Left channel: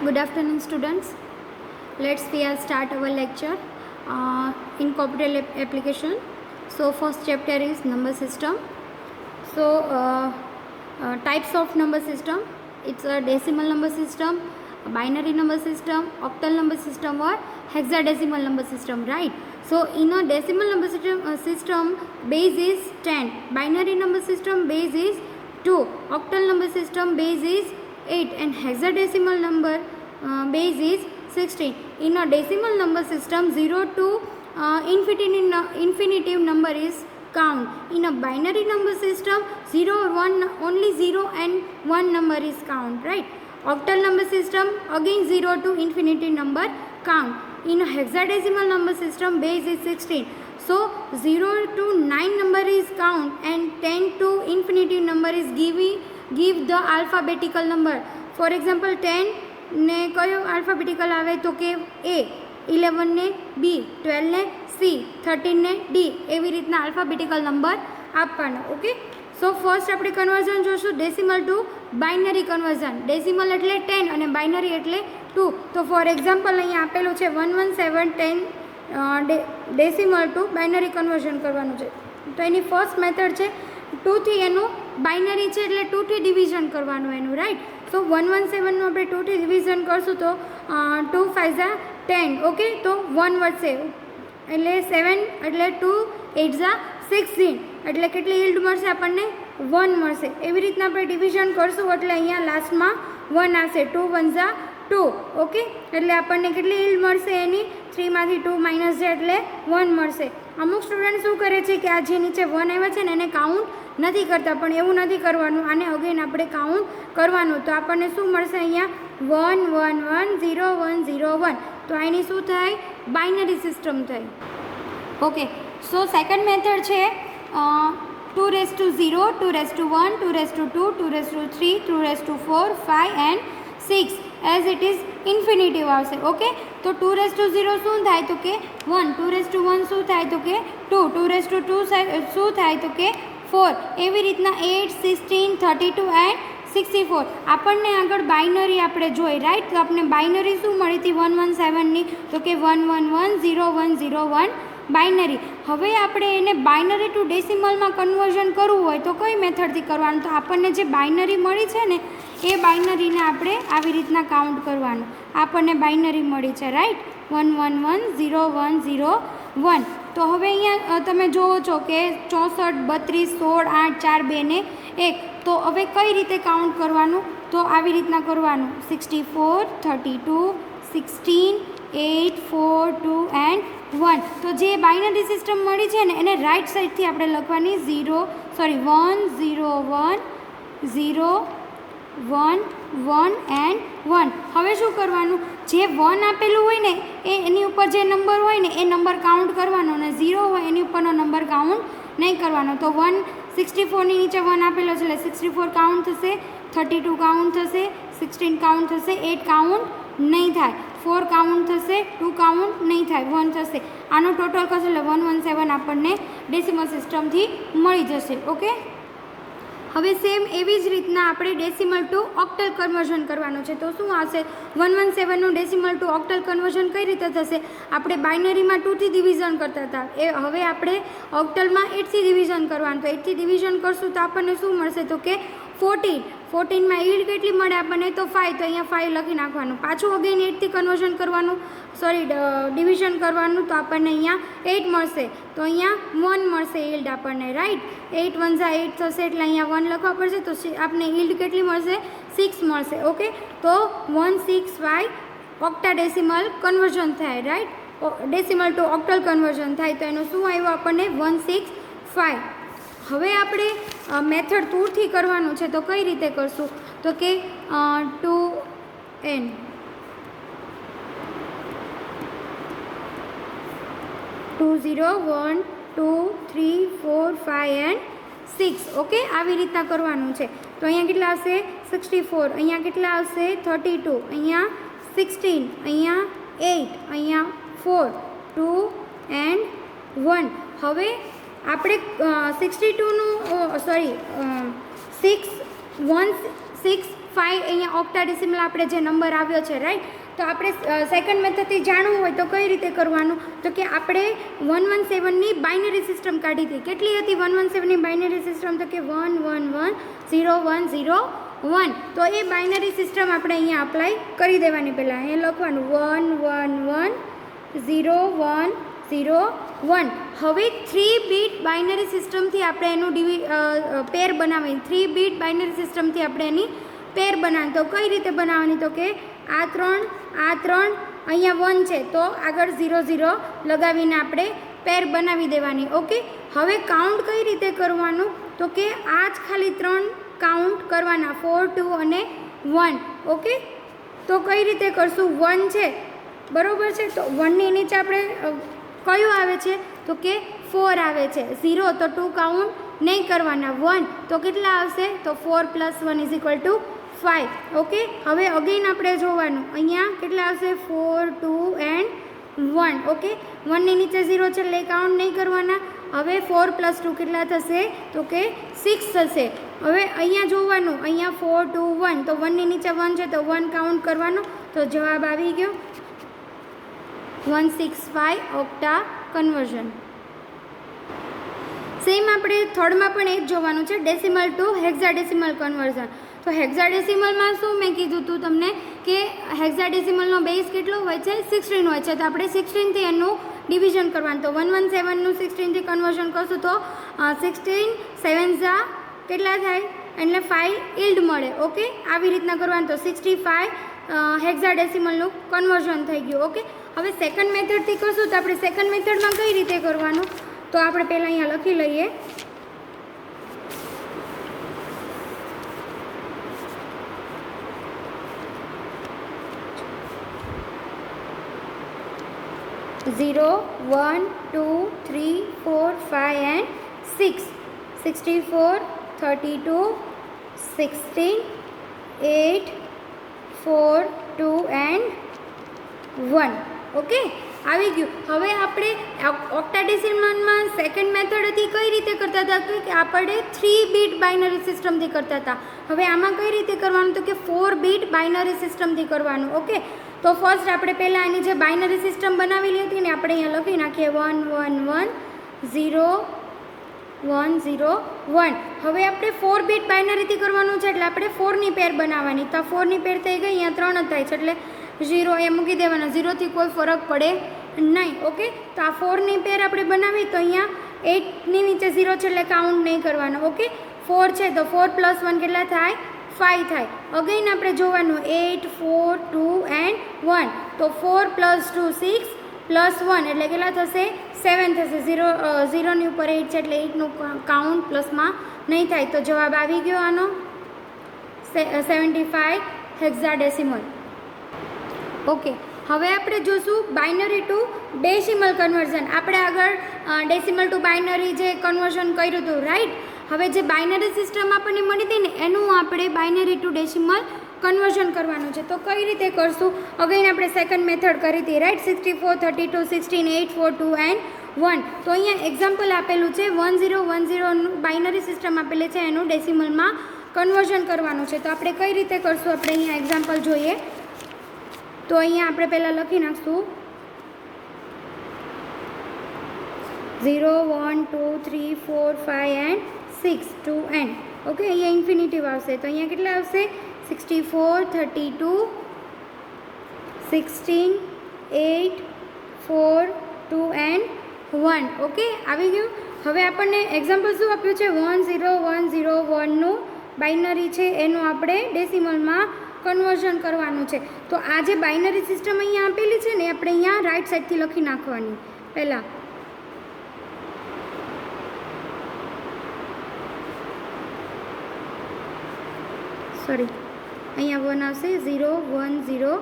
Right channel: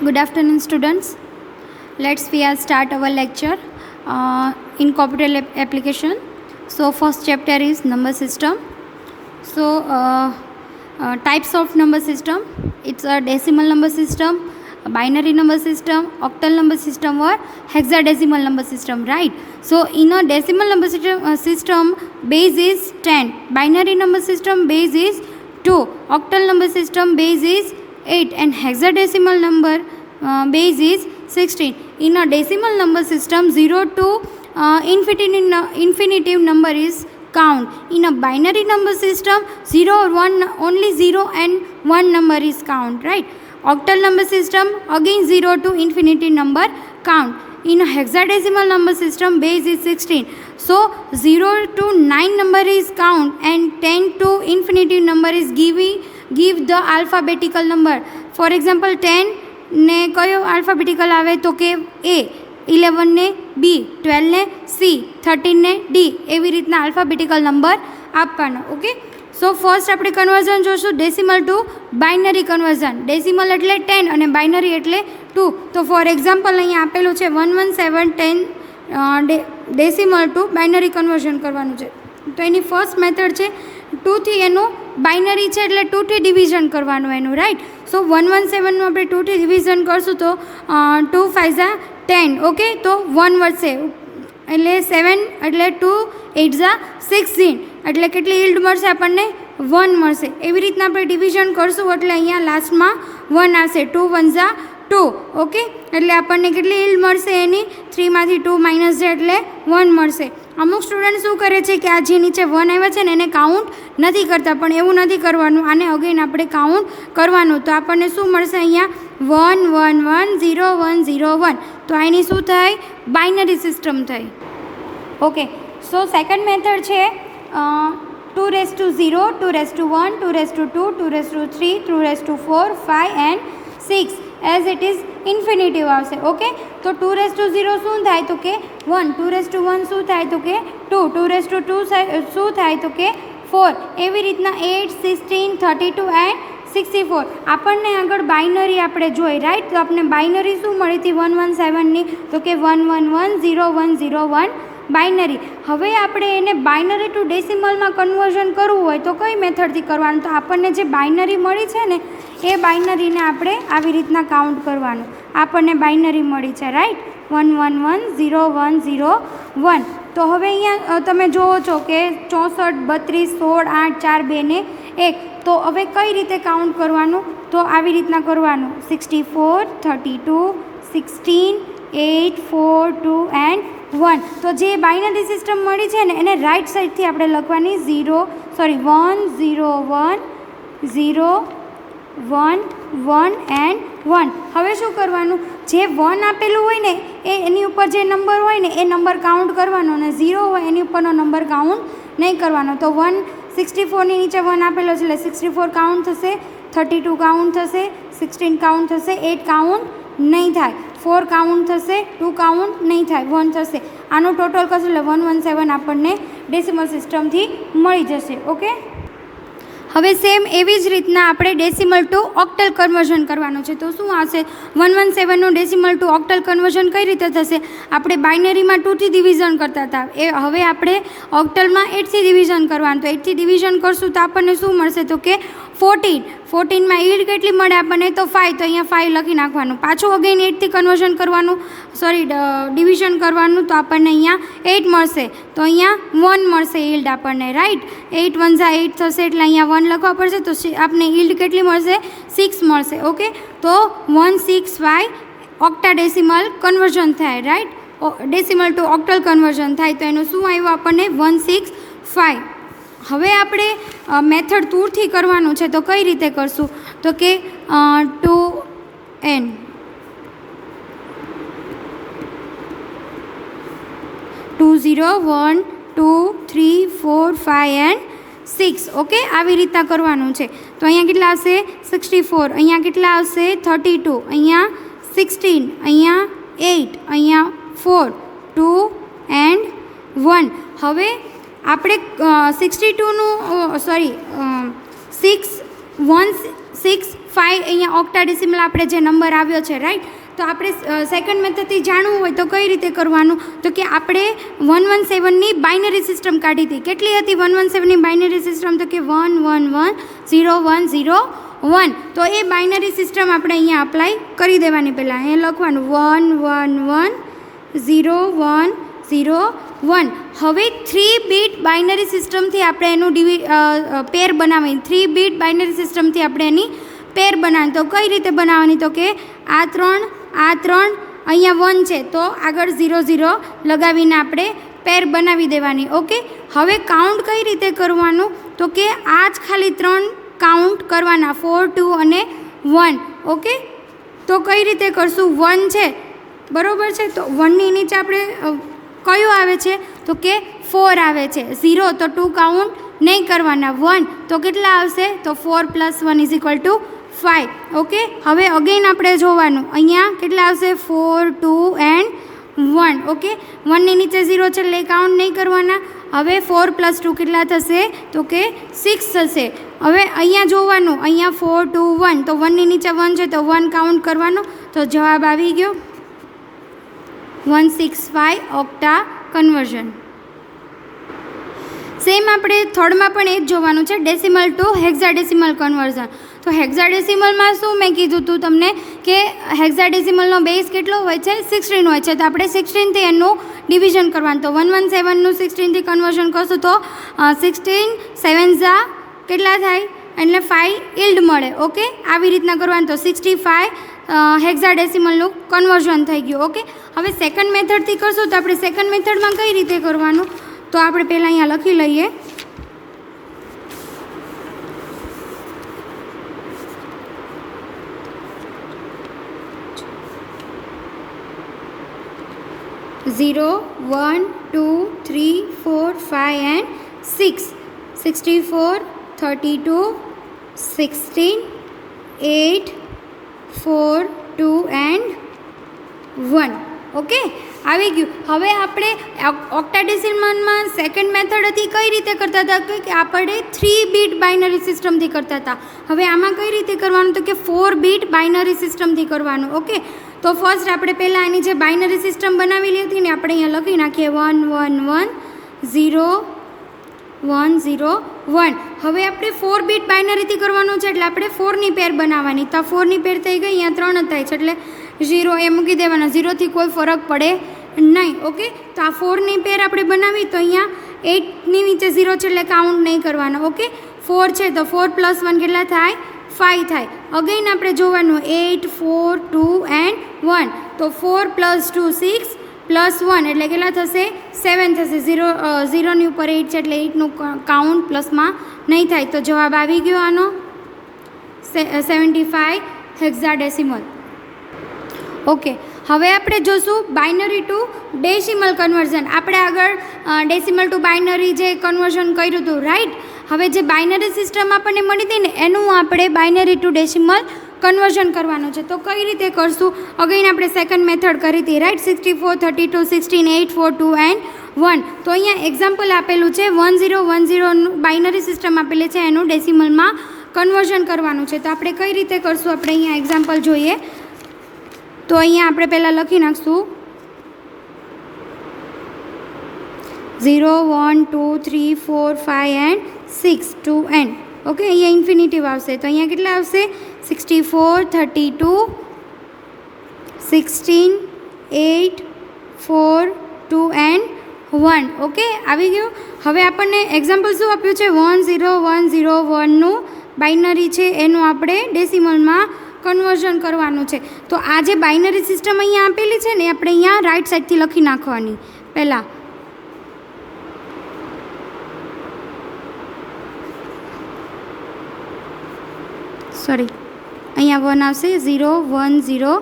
Good afternoon, students. Let's start our lecture in computer application. So, first chapter is number system. So, types of number system. It's a decimal number system, a binary number system, octal number system, or hexadecimal number system. Right. So, in a decimal number system, base is 10. Binary number system base is 2. Octal number system base is 8, and hexadecimal number base is 16. In a decimal number system, 0 to infinitive number is count. In a binary number system, 0 or 1, only 0 and 1 number is count, right? Octal number system, again 0 to infinity number count. In a hexadecimal number system, base is 16. So 0 to 9 number is count, and 10 to infinity number is give the alphabetical number. For example, 10 ને કયો alphabetical આવે તો કે A, 11 ને B, 12 ને C, 13 ને D, એવી રીતના આલ્ફાબેટિકલ નંબર આપવાના. ઓકે, સો ફર્સ્ટ આપણે કન્વર્ઝન જોશું decimal to binary conversion. Decimal એટલે 10 અને બાઇનરી એટલે 2. તો ફોર એક્ઝામ્પલ અહીંયા આપેલું છે 11710 ડેસિમલ ટુ બાઇનરી કન્વર્ઝન કરવાનું છે. તો એની ફર્સ્ટ મેથડ છે 2 થી એનું બાઇનરી છે એટલે 2 થી ડિવિઝન કરવાનું એનું, રાઈટ. સો 117નું આપણે 2 થી ડિવિઝન કરશું તો 2 5 ઝા 10. ઓકે, તો 1 વધશે એટલે 7 એટલે 2 8 ઝા 16 એટલે કેટલી યીલ્ડ મળશે આપણને 1 મળશે. એવી રીતના આપણે ડિવિઝન કરશું એટલે અહીંયા લાસ્ટમાં 1 આવશે. 2 1 ઝા 2. ઓકે, એટલે આપણને કેટલી યીલ્ડ મળશે એની 3 માંથી 2 માઇનસ છે એટલે 1 મળશે. અમુક સ્ટુડન્ટ શું કરે છે કે આ જે નીચે 1 આવ્યા છે ને એને કાઉન્ટ નથી કરતા, પણ એવું નથી કરવાનું, આને અગેન આપણે કાઉન્ટ કરવાનું. તો આપણને શું મળશે અહીંયા 1 1 1 0 1 0 1. તો આની શું થાય બાઇનરી સિસ્ટમ થઈ. ઓકે, સો સેકન્ડ મેથડ છે 2 raise to 0, 2 raise to 1, 2 raise to 2, 2 raise to 3, 2 raise to 4, 5 and 6 as it is infinitive આવશે. ઓકે, તો 2 રેઝ ટુ 0 શું થાય તો કે 1, 2 રેઝ ટુ 1 શું થાય તો કે 2, 2 રેઝ ટુ 2 શું થાય તો કે 4. એવી રીતના 8 16 32 એન્ડ 64. આપણને આગળ બાઇનરી આપણે જોઈ, રાઈટ. તો આપણે બાઇનરી શું મળી હતી 117ની તો કે 1 1 1 0 1 0 1 બાઇનરી. હવે આપણે એને બાઇનરી ટુ ડેસિમલમાં કન્વર્ઝન કરવું હોય તો કઈ મેથડથી કરવાનું? તો આપણને જે બાઇનરી મળી છે ને એ બાઇનરીને આપણે આવી રીતના કાઉન્ટ કરવાનું. આપણને બાઇનરી મળી છે, રાઈટ. 1 1 1 0 1 0 1. તો હવે અહીંયા તમે જુઓ છો કે 64 32 16 8 4 2 ને 1. તો હવે કઈ રીતે કાઉન્ટ કરવાનું? તો આવી રીતના કરવાનું 64 32 16 8 4 2 એન્ડ 1. તો જે બાઇનરી સિસ્ટમ મળી છે ને એને રાઈટ સાઈડથી આપણે લખવાની 1 0 1 0 1 1 એન્ડ 1. હવે શું કરવાનું? જે 1 આપેલું હોય ને એની ઉપર જે નંબર હોય ને એ નંબર કાઉન્ટ કરવાનો, અને 0 હોય એની ઉપરનો નંબર કાઉન્ટ નહીં કરવાનો. તો 164ની નીચે 1 આપેલો છે એટલે 64 કાઉન્ટ થશે, 32 કાઉન્ટ થશે, 16 કાઉન્ટ થશે, 8 કાઉન્ટ નહીં થાય, 4 કાઉન્ટ થશે, 2 કાઉન્ટ નહીં થાય, 1 થશે. આનું ટોટલ કરશું એટલે 117 આપણને ડેસિમલ સિસ્ટમથી મળી જશે. ઓકે, હવે સેમ એવી જ રીતના આપણે ડેસિમલ ટુ ઓક્ટલ કન્વર્ઝન કરવાનું છે. તો શું આવશે 117નું ડેસિમલ ટુ ઓક્ટલ કન્વર્ઝન કઈ રીતે થશે? આપણે બાઇનરીમાં 2થી ડિવિઝન કરતા હતા, એ હવે આપણે ઓક્ટલમાં 8થી ડિવિઝન કરવાનું. તો 8થી ડિવિઝન કરશું તો આપણને શું મળશે તો કે 14. 14માં યીલ્ડ કેટલી મળે આપણને તો 5. તો અહીંયા 5 લખી નાખવાનું. પાછું અગેન 8થી કન્વર્ઝન કરવાનું, ડિવિઝન કરવાનું. તો આપણને અહીંયા 8 મળશે, તો અહીંયા 1 મળશે યીલ્ડ આપણને, રાઈટ. 8 1 ઝા 8 થશે એટલે અહીંયા 1 લખવા પડશે. તો આપણે યીલ્ડ કેટલી મળશે 6 મળશે. ઓકે, તો 165 ઓક્ટા ડેસિમલ કન્વર્ઝન થાય, right. Decimal to octal conversion થાય. તો એનું શું આવ્યું આપણને 165. હવે આપણે મેથડ 2થી કરવાનું છે. તો કઈ રીતે કરશું તો કે 2n 2 0 1 2 3 4 5 એન્ડ 6. ઓકે, આવી રીતના કરવાનું છે. તો અહીંયા કેટલા આવશે 64, અહીંયા કેટલા આવશે 32, અહીંયા 16, અહીંયા 8, અહીંયા 4 2 એન્ડ 1. હવે આપણે 62નું 6 1 6 5 અહીંયા ઓક્ટાડેસિમલ આપણે જે નંબર આવ્યો છે, રાઈટ. તો આપણે સેકન્ડ મેથડથી જાણવું હોય તો કઈ રીતે કરવાનું, તો કે આપણે 117ની બાઇનરી સિસ્ટમ કાઢી હતી. કેટલી હતી 117ની બાઇનરી સિસ્ટમ, તો કે 1110101. તો એ બાઇનરી સિસ્ટમ આપણે અહીંયા અપ્લાય કરી દેવાની. પહેલાં અહીંયા લખવાનું 1110101. હવે 3 બીટ બાઇનરી સિસ્ટમથી આપણે એનું પેર બનાવવાની. 3 બીટ બાઇનરી સિસ્ટમથી આપણે એની પેર બનાવવાની. તો કઈ રીતે બનાવવાની, તો કે આ 3 અહીંયા 1 છે તો આગળ 0 0 લગાવીને આપણે પેર બનાવી દેવાની. ઓકે. હવે કાઉન્ટ કઈ રીતે કરવાનું, તો કે આ જ ખાલી 3 કાઉન્ટ કરવાના, 4 2 અને 1. ઓકે. તો કઈ રીતે કરશું, 1 છે બરાબર છે, તો 1ની નીચે આપણે કયો આવે છે, તો કે 4 આવે છે. 0 તો 2 કાઉન્ટ નહીં કરવાના. 1 તો કેટલા આવશે, તો 4 + 1 = 5. ઓકે. હવે અગેન આપણે જોવાનું, અહીંયા કેટલા આવશે, 4 2 and 1. ઓકે. 1ની નીચે 0 છે એટલે કાઉન્ટ નહીં કરવાના. હવે 4 + 2 કેટલા થશે, તો કે 6 થશે. હવે અહીંયા જોવાનું, અહીંયા 4 2 1, તો 1ની નીચે 1 છે તો 1 કાઉન્ટ કરવાનો. તો જવાબ આવી ગયો 165 ઓક્ટા કન્વર્ઝન. સેમ આપણે થર્ડમાં પણ એ જ જોવાનું છે, ડેસિમલ ટુ હેક્સાડેસિમલ કન્વર્ઝન. તો હેક્સાડેસિમલમાં શું મેં કીધું હતું તમને કે હેક્સાડેસિમલનો બેઝ કેટલો હોય છે, 16 હોય છે. તો આપણે 16થી એનું ડિવિઝન કરવાનું. તો 117નું 16થી કન્વર્ઝન કરશું તો 16 7 કેટલા થાય, એટલે 5 ઇલ્ડ મળે. ઓકે. આવી રીતના કરવાનું. તો 65 હેક્સાડેસિમલનું કન્વર્ઝન થઈ ગયું. ઓકે. હવે સેકન્ડ મેથડથી કરશું તો આપણે સેકન્ડ મેથડમાં કઈ રીતે કરવાનું, તો આપણે પહેલાં અહીંયા લખી લઈએ. Zero, 1, 2, 3, 4, 5 and 6. 64, 32, 16, 8, 4, 2 and 1. ઓકે. આવી ગયું. હવે આપણે ઓક્ટાડેસિમલમાં સેકન્ડ મેથડ હતી કઈ રીતે કરતા હતા, કે આપણે 3 બીટ બાઇનરી સિસ્ટમથી કરતા હતા. હવે આમાં કઈ રીતે કરવાનું, તો કે 4 બીટ બાઇનરી સિસ્ટમથી કરવાનું. ઓકે. તો ફર્સ્ટ આપણે પહેલાં આની જે બાઇનરી સિસ્ટમ બનાવેલી હતી ને આપણે અહીંયા લખી નાખીએ 1 1 1 0 1 0 1. હવે આપણે 4 બીટ બાઇનરીથી કરવાનું છે એટલે આપણે 4ની પેર બનાવવાની. તો 4ની પેર થઈ ગઈ, અહીંયા 3 થાય છે એટલે 0 એ મૂકી દેવાના. 0થી કોઈ ફરક પડે નહીં. ઓકે. તો આ 4ની પેર આપણે બનાવી તો અહીંયા 8ની નીચે 0 છે એટલે કાઉન્ટ નહીં કરવાનો. ઓકે. 4 છે તો 4 + 1 કેટલા થાય, 5 થાય. અગેન આપણે જોવાનું 8 4 2 and 1. તો 4 + 2 6 + 1 એટલે કેટલા થશે, 7 થશે. 0ની ઉપર 8 છે એટલે 8નું કાઉન્ટ પ્લસમાં નહીં થાય. તો જવાબ આવી ગયો આનો 75 હેક્સાડેસિમલ. ઓકે. હવે આપણે જોશું બાઇનરી ટુ ડેસિમલ કન્વર્ઝન. આપણે આગળ ડેસિમલ ટુ બાઇનરી જે કન્વર્ઝન કર્યું હતું, રાઈટ. હવે જે બાઇનરી સિસ્ટમ આપણને મળી હતી ને એનું આપણે બાઇનરી ટુ ડેસિમલ કન્વર્ઝન કરવાનું છે. તો કઈ રીતે કરશું, અગેન આપણે સેકન્ડ મેથડ કરી હતી, રાઈટ. 64 32 16 8 4 2 and 1. તો અહીંયા એક્ઝામ્પલ આપેલું છે 1010 બાઇનરી સિસ્ટમ આપેલી છે, એનું ડેસિમલમાં કન્વર્ઝન કરવાનું છે. તો આપણે કઈ રીતે કરશું, આપણે અહીંયા એક્ઝામ્પલ જોઈએ. તો અહીંયા આપણે પહેલાં લખી નાખશું 0 1 2 3 4 5 and 6 2 n. ઓકે. અહીંયા ઇન્ફિનિટિવ આવશે તો અહીંયા કેટલા આવશે, 64 32 16 8 4 2 and 1. ઓકે. આવી ગયું. હવે આપણને એક્ઝામ્પલ શું આપ્યું છે, 10101નું બાઇનરી છે એનું આપણે ડેસિમલમાં કન્વર્ઝન કરવાનું છે. તો આ જે બાઇનરી સિસ્ટમ અહીંયા આપેલી છે ને આપણે અહીંયા રાઈટ સાઈડથી લખી નાખવાની. પહેલાં અહીંયા 1 આવશે, 0 1 0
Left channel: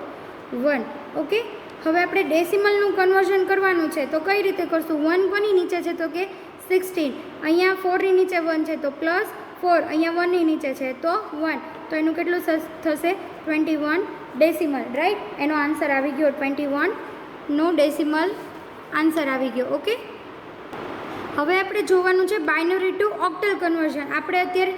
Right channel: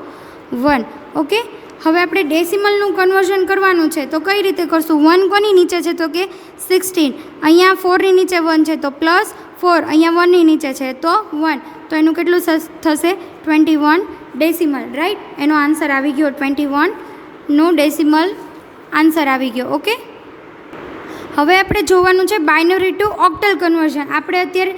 1. ઓકે. હવે આપણે ડેસિમલનું કન્વર્ઝન કરવાનું છે તો કઈ રીતે કરશું, 1 કોની નીચે છે તો કે 16, અહીંયા 4ની નીચે 1 છે તો +4, અહીંયા 1ની નીચે છે તો 1. તો એનું કેટલું થશે, 21 ડેસિમલ, રાઈટ. એનો આન્સર આવી ગયો 21નું ડેસિમલ આન્સર આવી ગયો. ઓકે. હવે આપણે જોવાનું છે બાઇનરી ટુ ઓક્ટલ કન્વર્ઝન. આપણે અત્યારે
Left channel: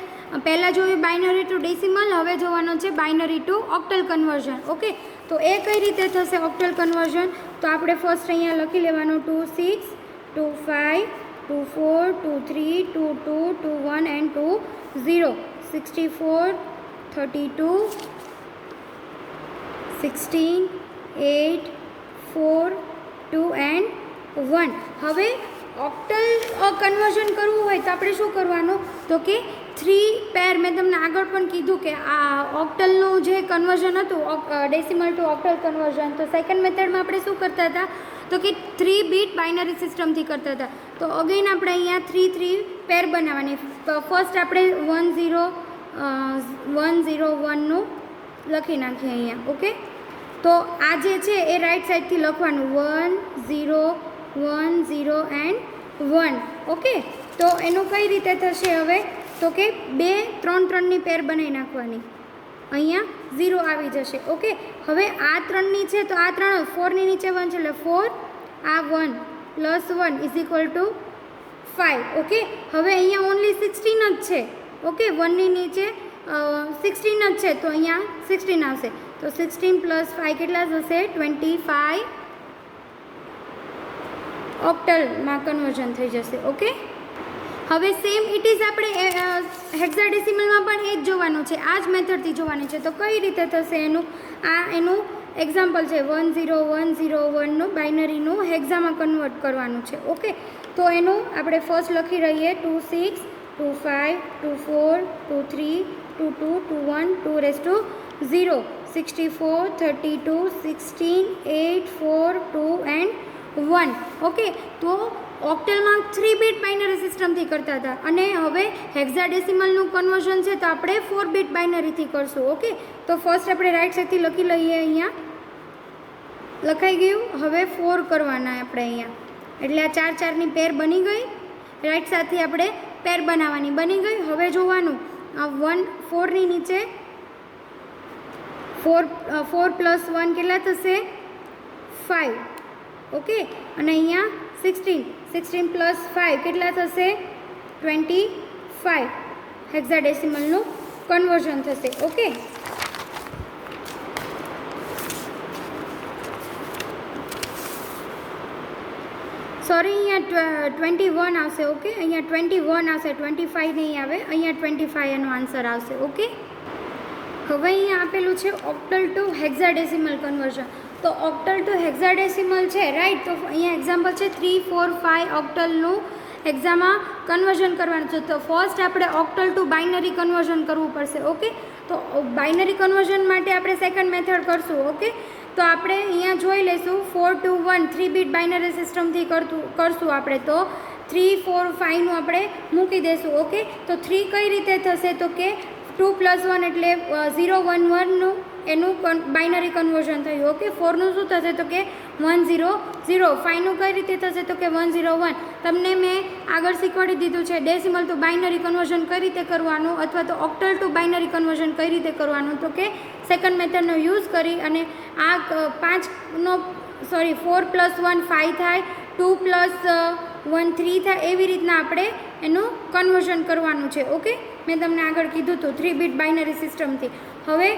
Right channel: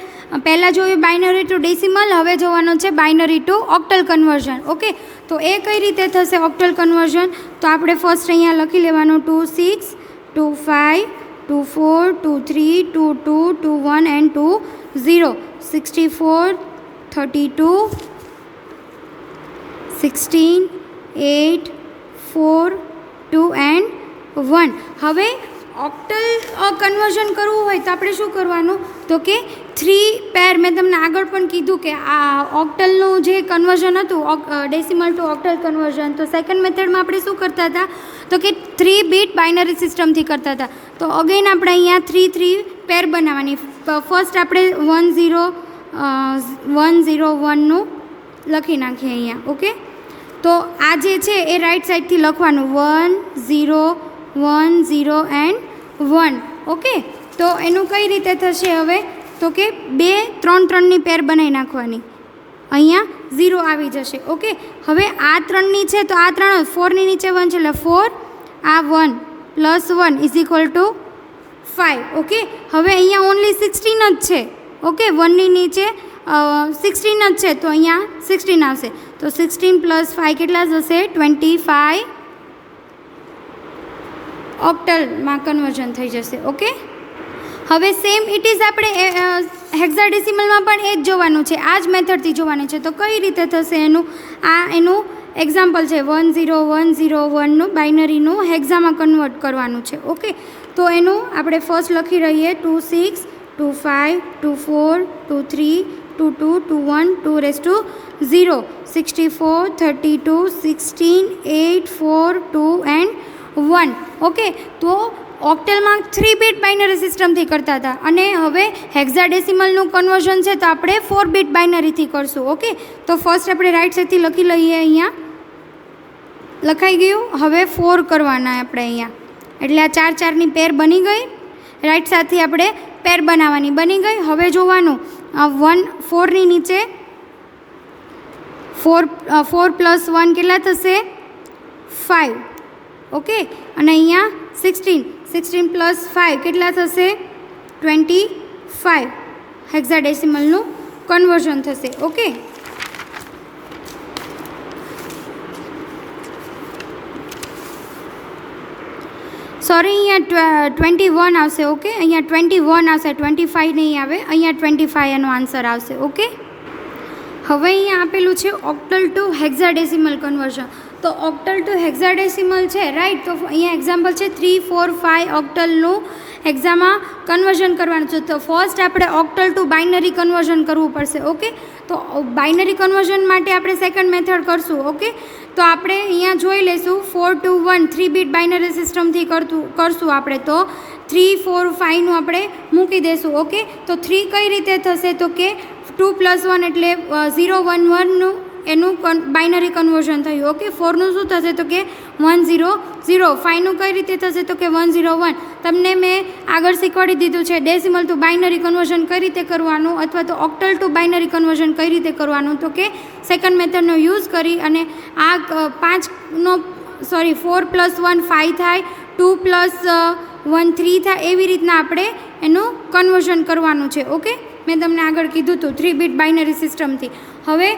પહેલાં જોયું બાઇનરી ટુ ડેસિમલ, હવે જોવાનું છે binary to octal conversion. Okay, તો એ કઈ રીતે થશે ઓક્ટલ કન્વર્ઝન? તો આપણે ફર્સ્ટ અહીંયા લખી લેવાનું 2 6 2 5 2 4 2 3 2 2 2 1 એન્ડ 2 0 64 32 16 8 4 2 એન્ડ 1. હવે ઓક્ટલ કન્વર્ઝન કરવું હોય તો આપણે શું કરવાનું? તો કે 3 પેર, મેં તમને આગળ પણ કીધું કે આ ઓક્ટલનું જે કન્વર્ઝન હતું ડેસિમલ ટુ ઓક્ટલ કન્વર્ઝન, તો સેકન્ડ મેથડમાં આપણે શું કરતા હતા? તો કે 3 બીટ બાઇનરી સિસ્ટમથી કરતા હતા. તો અગેન આપણે અહીંયા 3 પેર બનાવવાની. ફર્સ્ટ આપણે 1 0 1 લખી નાખીએ અહીંયા. ઓકે, તો આ જે છે એ રાઈટ સાઈડથી લખવાનું 1 0 1 0 એન્ડ 1. ઓકે, તો એનું કઈ રીતે થશે હવે? તો કે 2 3 3ની પેર બનાવી નાખવાની. અહીંયા 0 આવી જશે. ઓકે, હવે આ 3ની છે તો આ 3 4ની નીચે 1 છે એટલે 4, આ 1 plus 1 is equal to 5. Okay, હવે અહીંયા ઓનલી 16 જ છે. ઓકે, 1ની નીચે 16 જ છે તો અહીંયા 16 આવશે. તો 16 પ્લસ 5 કેટલા થશે? 25 ઓક્ટલમાં કન્વર્ઝન થઈ જશે. ઓકે, હવે સેમ ઇટ ઇઝ આપણે હેક્સાડેસિમલમાં પણ એ જ જોવાનું છે, આ જ મેથડથી જોવાનું છે. તો કઈ રીતે થશે એનું? આ એનું એક્ઝામ્પલ છે 1 0 1 0 1નું બાઇનરીનું હેક્ઝામાં કન્વર્ટ કરવાનું છે. ઓકે, તો એનું આપણે ફર્સ્ટ લખી રહીએ 2 6 2 5 2 4 2 3 2 2 2 1 2 રેઝ ટુ 0 64 32 16 8 4 2 એન્ડ 1. ઓકે, તો ઓક્ટલમાં 3 બીટ બાઇનરી સિસ્ટમથી કરતા હતા અને હવે હેક્સાડેસિમલનું કન્વર્ઝન છે તો આપણે 4 બીટ બાઇનરીથી કરશું. ઓકે, તો ફર્સ્ટ આપણે રાઈટ સાઈડથી લખી લઈએ. અહીંયા લખાઈ ગયું. હવે 4 કરવાના આપણે અહીંયા, એટલે આ 4 4ની પેર બની ગઈ. રાઈટ સાઈડથી આપણે પેર બનાવવાની બની ગઈ. હવે જોવાનું 1 4ની નીચે 4 પ્લસ 1 કેટલા થશે? 5. ઓકે, અને અહીંયા 16 પ્લસ 5 કેટલા થશે? 25 હેક્સાડેસિમલનું કન્વર્ઝન થશે. ઓકે, સોરી, અહીંયા 21 આવશે. ઓકે, અહીંયા 21 આવશે, 25 નહીં આવે. અહીંયા 25 એનો આન્સર આવશે. ઓકે, હવે અહીંયા આપેલું છે ઓક્ટલ ટુ હેક્સાડેસિમલ કન્વર્ઝન. તો ઓક્ટલ ટુ હેક્સાડેસિમલ છે, રાઈટ. તો અહીંયા એક્ઝામ્પલ છે 3 4 5 ઓક્ટલનું એક્ઝામમાં કન્વર્ઝન કરવાનું છે. તો ફર્સ્ટ આપણે ઓક્ટલ ટુ બાઇનરી કન્વર્ઝન કરવું પડશે. ઓકે, તો બાઇનરી કન્વર્ઝન માટે આપણે સેકન્ડ મેથડ કરશું. ઓકે, તો આપણે અહીંયા જોઈ લઈશું 4 2 1 3 બીટ બાઇનરી સિસ્ટમથી કરશું આપણે. તો 3 4 5નું આપણે મૂકી દઈશું. ઓકે, તો 3 કઈ રીતે થશે? તો કે 2 + 1 એટલે 0 1 1નું એનું બાઇનરી કન્વર્ઝન થયું. ઓકે, 4નું શું થશે? તો કે 1 0 0. 5નું કઈ રીતે થશે? તો કે 1 0 1. તમને મેં આગળ શીખવાડી દીધું છે ડેસિમલ ટુ બાઇનરી કન્વર્ઝન કઈ રીતે કરવાનું, અથવા તો ઓક્ટલ ટુ બાઇનરી કન્વર્ઝન કઈ રીતે કરવાનું. તો કે સેકન્ડ મેથડનો યુઝ કરી અને આ 4 + 1 5 થાય, 2 + 1 3 થાય, એવી રીતના આપણે એનું કન્વર્ઝન કરવાનું છે. ઓકે, મેં તમને આગળ કીધું હતું 3 બીટ બાઇનરી સિસ્ટમથી. હવે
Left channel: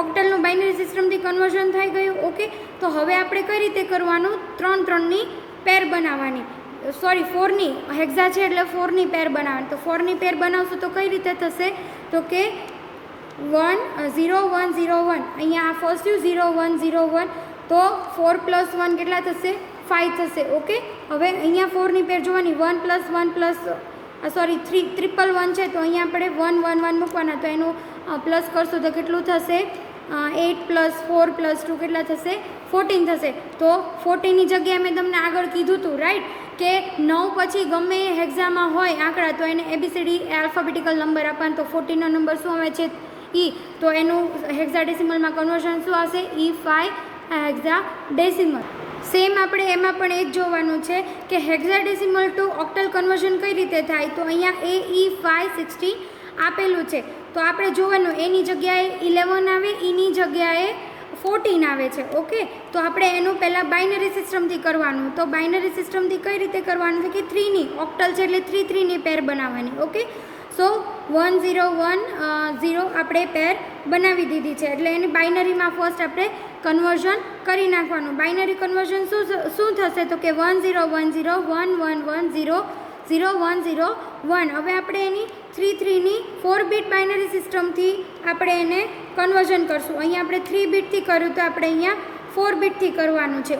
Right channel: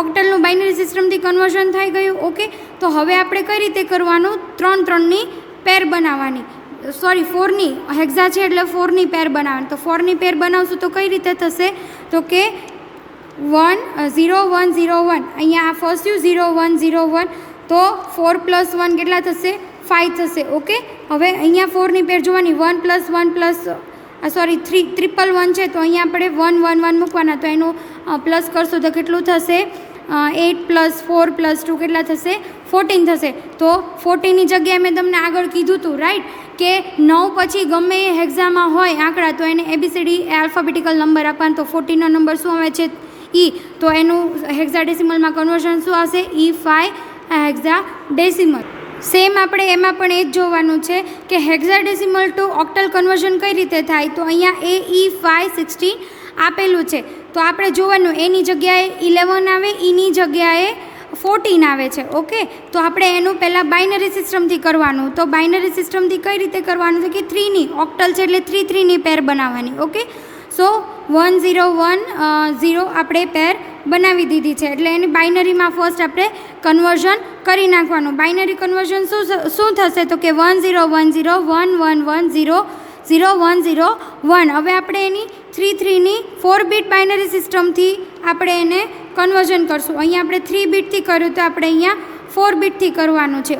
ઓક્ટલનું બાઇનરી સિસ્ટમથી કન્વર્ઝન થઈ ગયું. ઓકે, તો હવે આપણે કઈ રીતે કરવાનું? 3 3ની પેર બનાવવાની. સોરી, 4ની હેક્ઝા છે એટલે 4ની પેર બનાવવાની. તો 4ની પેર બનાવશું તો કઈ રીતે થશે? તો કે 1 0 1 0 1. અહીંયા આ ફર્સ્ટ 0 1 0 1. તો 4 + 1 કેટલા થશે? 5 થશે. ઓકે, હવે અહીંયા 4ની પેર જોવાની. 1 + 1 સોરી 3 1 છે તો અહીંયા આપણે 1 1 1 મૂકવાના. તો એનું પ્લસ કરશું તો કેટલું થશે? 8 + 4 + 2 કેટલા થશે? 14 થશે. તો 14ની જગ્યાએ મેં તમને આગળ કીધું હતું, રાઈટ, કે 9 પછી ગમે એ હેક્ઝામાં હોય આંકડા તો એને ABCD આલ્ફાબેટિકલ નંબર આપવાનો. તો 14નો નંબર શું આવે છે? E. તો એનું હેક્સાડેસિમલમાં કન્વર્ઝન શું આવશે? E5 hexadecimal. સેમ આપણે એમાં પણ એ જ જોવાનું છે કે હેક્સાડેસિમલ ટુ ઓક્ટલ કન્વર્ઝન કઈ રીતે થાય. તો અહીંયા AE5 16 આપેલું છે. તો આપણે જોવાનું એની જગ્યાએ 11 આવે, એની જગ્યાએ 14 આવે છે. ઓકે, તો આપણે એનું પહેલાં બાઇનરી સિસ્ટમથી કરવાનું. તો બાઇનરી સિસ્ટમથી કઈ રીતે કરવાનું છે કે 3ની ઓક્ટલ છે એટલે 3 3ની પેર બનાવવાની. ઓકે, સો 1010 આપણે પેર બનાવી દીધી છે. એટલે એની બાઇનરીમાં ફર્સ્ટ આપણે કન્વર્ઝન કરી નાખવાનું. બાઇનરી કન્વર્ઝન શું થશે તો કે 101011100101. હવે આપણે એની 3 4 બીટ બાઇનરી સિસ્ટમથી આપણે એને કન્વર્ઝન કરશું. અહીંયા આપણે 3 બીટથી કર્યું તો આપણે અહીંયા 4 બીટથી કરવાનું છે.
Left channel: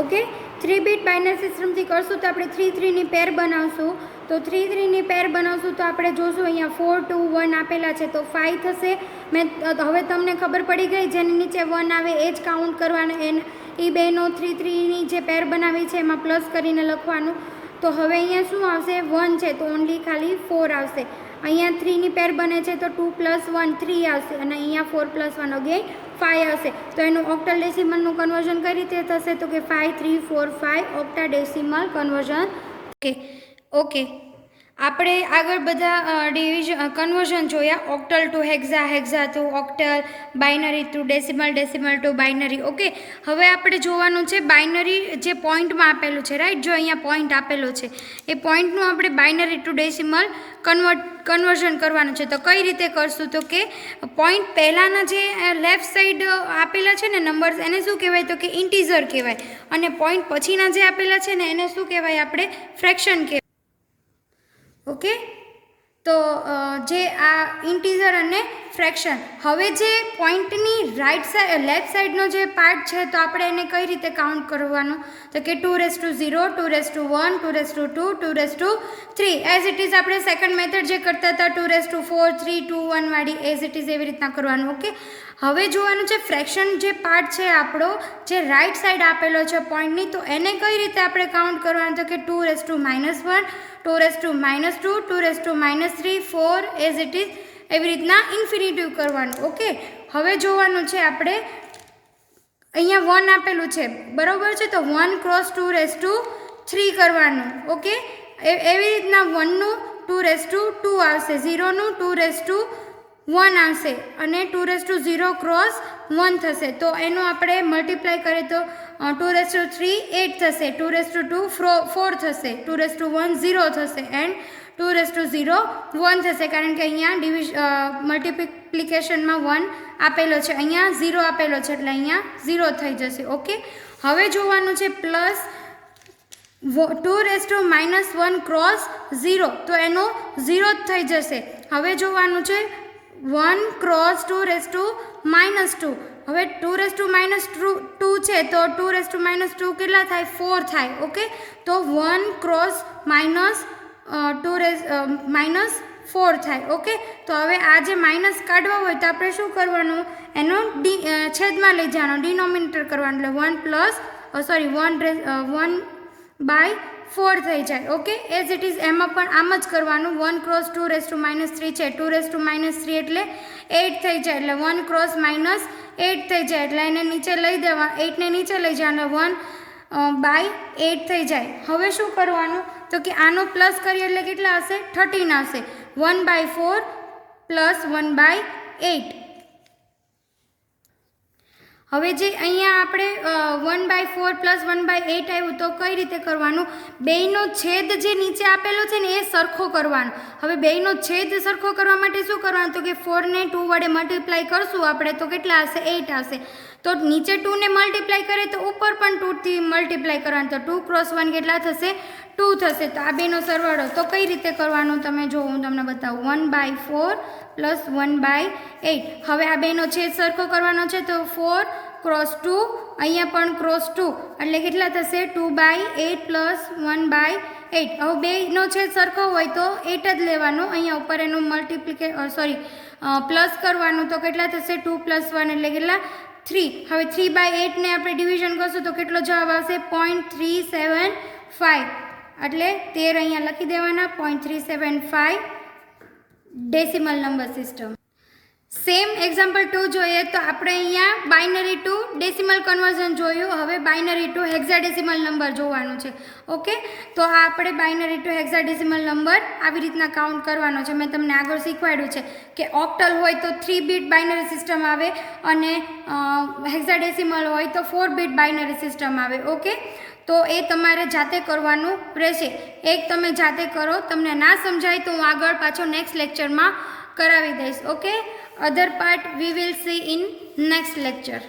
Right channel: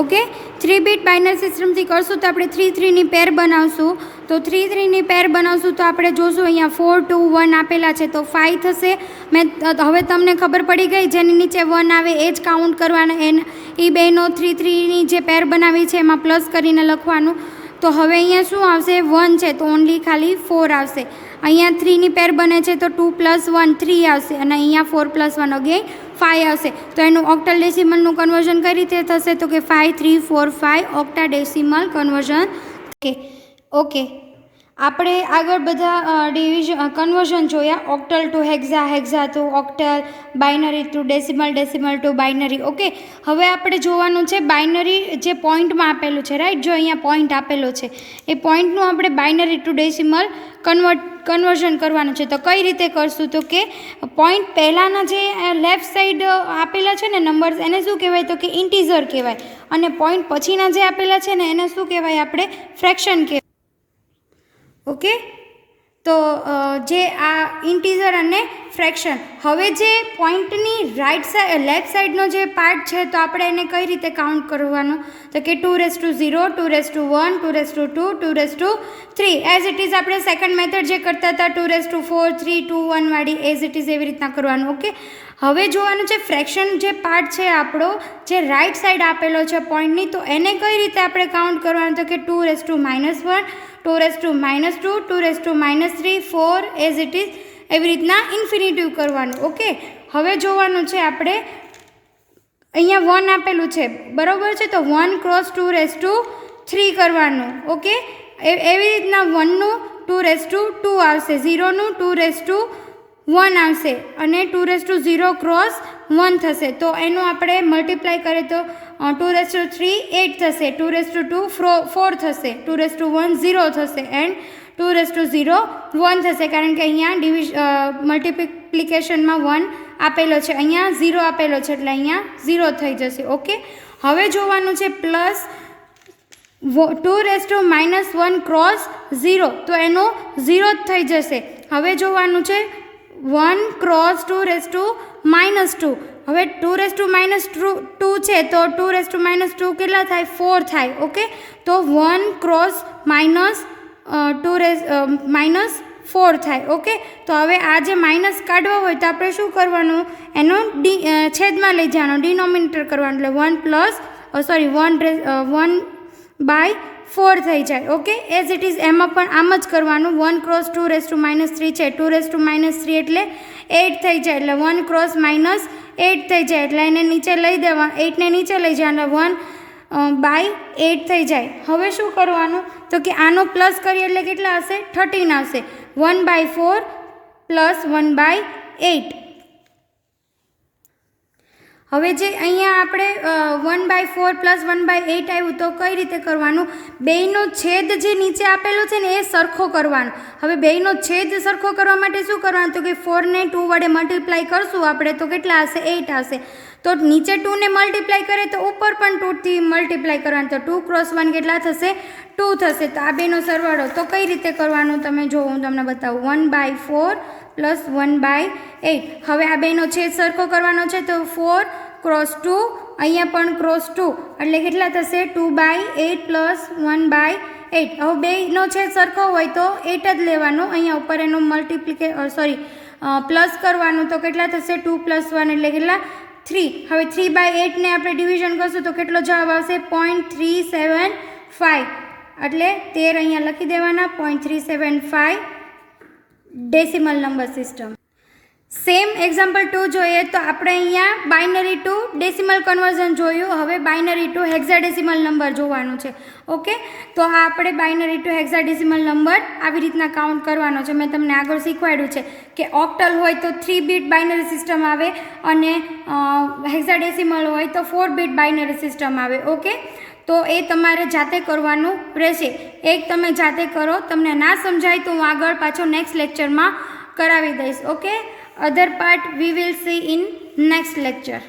ઓકે 3 બીટ બાઇનરી સિસ્ટમથી કરશું તો આપણે 3 પેર બનાવશું. તો 3 પેર બનાવશું તો આપણે જોશું અહીંયા 4 2 1 આપેલા છે તો 5 થશે. હવે તમને ખબર પડી ગઈ, જેની નીચે 1 આવે એ જ કાઉન્ટ કરવાના. એ બેનો 3 જે પેર બનાવી છે એમાં પ્લસ કરીને લખવાનું. તો હવે અહીંયા શું આવશે? 1 છે તો ઓનલી ખાલી 4 આવશે. અહીંયા 3 પેર બને છે તો 2 + 1 3 આવશે અને અહીંયા 4 + 1 અગેન 5 આવશે. તો એનું ઓક્ટલ ડેસિમલનું કન્વર્ઝન કઈ રીતે થશે તો કે 5 3 4 5 ઓક્ટા ડેસિમલ કન્વર્ઝન. ઓકે આપણે આગળ બધા કન્વર્ઝન જોયા. Octal to hexa, hexa to octal, binary to decimal, decimal to binary. Okay હવે આપણે જોવાનું છે બાઇનરી જે પોઈન્ટમાં આપેલું છે, રાઈટ. જો અહીંયા પોઈન્ટ આપેલો છે એ પોઈન્ટનું આપણે બાઇનરી ટુ ડેસિમલ કન્વર્ઝન કરવાનું છે. તો કઈ રીતે કરશું તો કે પોઈન્ટ પહેલાંના જે લેફ્ટ સાઈડ આપેલા છે ને નંબર્સ, એને શું કહેવાય તો કે ઇન્ટીઝર કહેવાય. અને પોઈન્ટ પછીના જે આપેલા છે ને એને શું કહેવાય? આપણે ફ્રેક્શન કહેવાય. ઓકે તો જે આ ઇન્ટીઝર અને ફ્રેક્શન. હવે જે પોઈન્ટની લેફ્ટ સાઈડનો જે પાર્ટ છે તો આપણે એને કઈ રીતે કાઉન્ટ કરવાનું તો કે 2^0, 2^1, 2^2, 2^3 એઝ ઇટ ઇઝ. આપણે સેકન્ડ મેથડ જે કરતા હતા 2^4, 3, 2, 1 વાળી એઝ ઇટ ઇઝ એવી રીતના કરવાનું. ઓકે હવે જોવાનું છે ફ્રેક્શન જે પાર્ટ છે આપણો, જે રાઈટ સાઈડ આપેલો છે પોઈન્ટની, તો એને કઈ રીતે આપણે કાઉન્ટ કરવાનું તો કે 2^-1, 2^-2, 2^-3, 4 એઝ ઇટ ઇઝ એવી રીતના ઇન્ફિનિટિવ કરવાનું. ઓકે હવે જોવાનું છે આપણે અહીંયા 1 આપેલું છે બરાબર છે તો 1 × 2^3 કરવાનું. ઓકે એવી રીતના 1નું 2^2 આવશે, 0નું 2^1 આવશે અને 2^0 × 1 થશે. તો એનું આપણે મલ્ટીપ્લાય કરીએ તો 2^3 8 થશે, 2^2 4 થશે, 2^1 0 થશે એન્ડ 2^0 1 થશે. કારણ કે અહીંયા મલ્ટીપ્લિકેશનમાં 1 આપેલો છે, અહીંયા 0 આપેલો છે એટલે અહીંયા 0 થઈ જશે. ઓકે હવે જોવાનું છે પ્લસ 2^-1 × 0 તો એનો 0 જ થઈ જશે. હવે જોવાનું છે 1 × 2^-2. હવે 2^-2 છે તો 2^-2 કેટલા થાય? 4 થાય. ઓકે તો 1 × -4 થાય. ઓકે તો હવે આ જે માઇનસ કાઢવા હોય તો આપણે શું કરવાનું? એનો છેદમાં લઈ જવાનો, ડિનોમિનેટર કરવાનું. એટલે 1/4 થઈ જાય. ઓકે એઝ ઇટ ઇઝ એમાં પણ આમ જ કરવાનું. 1 × 2^-3 છે, 2^-3 એટલે 8 થઈ જાય, એટલે 1 × -8 થઈ જાય, એટલે એને નીચે લઈ દેવા, 8ને નીચે લઈ જવાનું, 1/8 થઈ જાય. હવે શું કરવાનું તો કે આનો પ્લસ કરીએ એટલે કેટલા હશે? 13 આવશે. 1/4 + 1/8. હવે જે અહીંયા આપણે 1/4 + 1/8 આવ્યું તો કઈ રીતે કરવાનું? બેયનો છેદ જે નીચે આપેલો છે ને એ સરખો કરવાનો. હવે બેયનો છેદ સરખો કરવા માટે શું કરવાનું તો કે 4ને 2 વડે મલ્ટીપ્લાય કરશું આપણે તો કેટલા હશે? 8 આવશે. તો નીચે 2ને મલ્ટીપ્લાય કરે તો ઉપર પણ 2થી મલ્ટીપ્લાય કરવાનું, તો 2 × 1 કેટલા થશે? 2 થશે. તો આ બેનો સરવાળો તો કઈ રીતે કરવાનો તમે જો હું તમને બતાવું. 1/4 + 1/8. હવે આ બેનો છેદ સરખો કરવાનો છે તો 4 × 2, અહીંયા પણ × 2 એટલે કેટલા થશે? 2/8 + 1/8. હવે બેનો છેદ સરખો હોય તો 8 જ લેવાનો, અહીંયા ઉપર એનું પ્લસ કરવાનું તો કેટલા થશે? 2 + 1 એટલે કેટલા? 3. હવે 3/8ને આપણે ડિવિઝન કરશું તો કેટલો જવાબ આવશે? 0.375. એટલે 13 અહીંયા લખી દેવાના. 0.375 decimal number system. Same example 2 જોઈએ તો આપણે અહીંયા બાઇનરી ટુ ડેસિમલ કન્વર્ઝન જોયું. હવે બાઇનરી ટુ હેક્સાડેસિમલ નંબર જોવાનું છે. ઓકે તો આ આપણે બાઇનરી ટુ હેક્સાડેસિમલ નંબર આવી રીતના કાઉન્ટ કરવાનો છે. મેં તમને આગળ શીખવાડ્યું છે કે ઓક્ટલ હોય તો 3 બીટ બાઇનરી સિસ્ટમ આવે અને હેક્સાડેસિમલ હોય તો 4 બીટ બાઇનરી સિસ્ટમ આવે. ઓકે તો એ તમારે જાતે કરવાનું રહેશે. એક તમે જાતે કરો, તમને ના સમજાય તો હું આગળ પાછો નેક્સ્ટ લેક્ચરમાં કરાવી દઈશ. Okay, other part we will see in next lecture.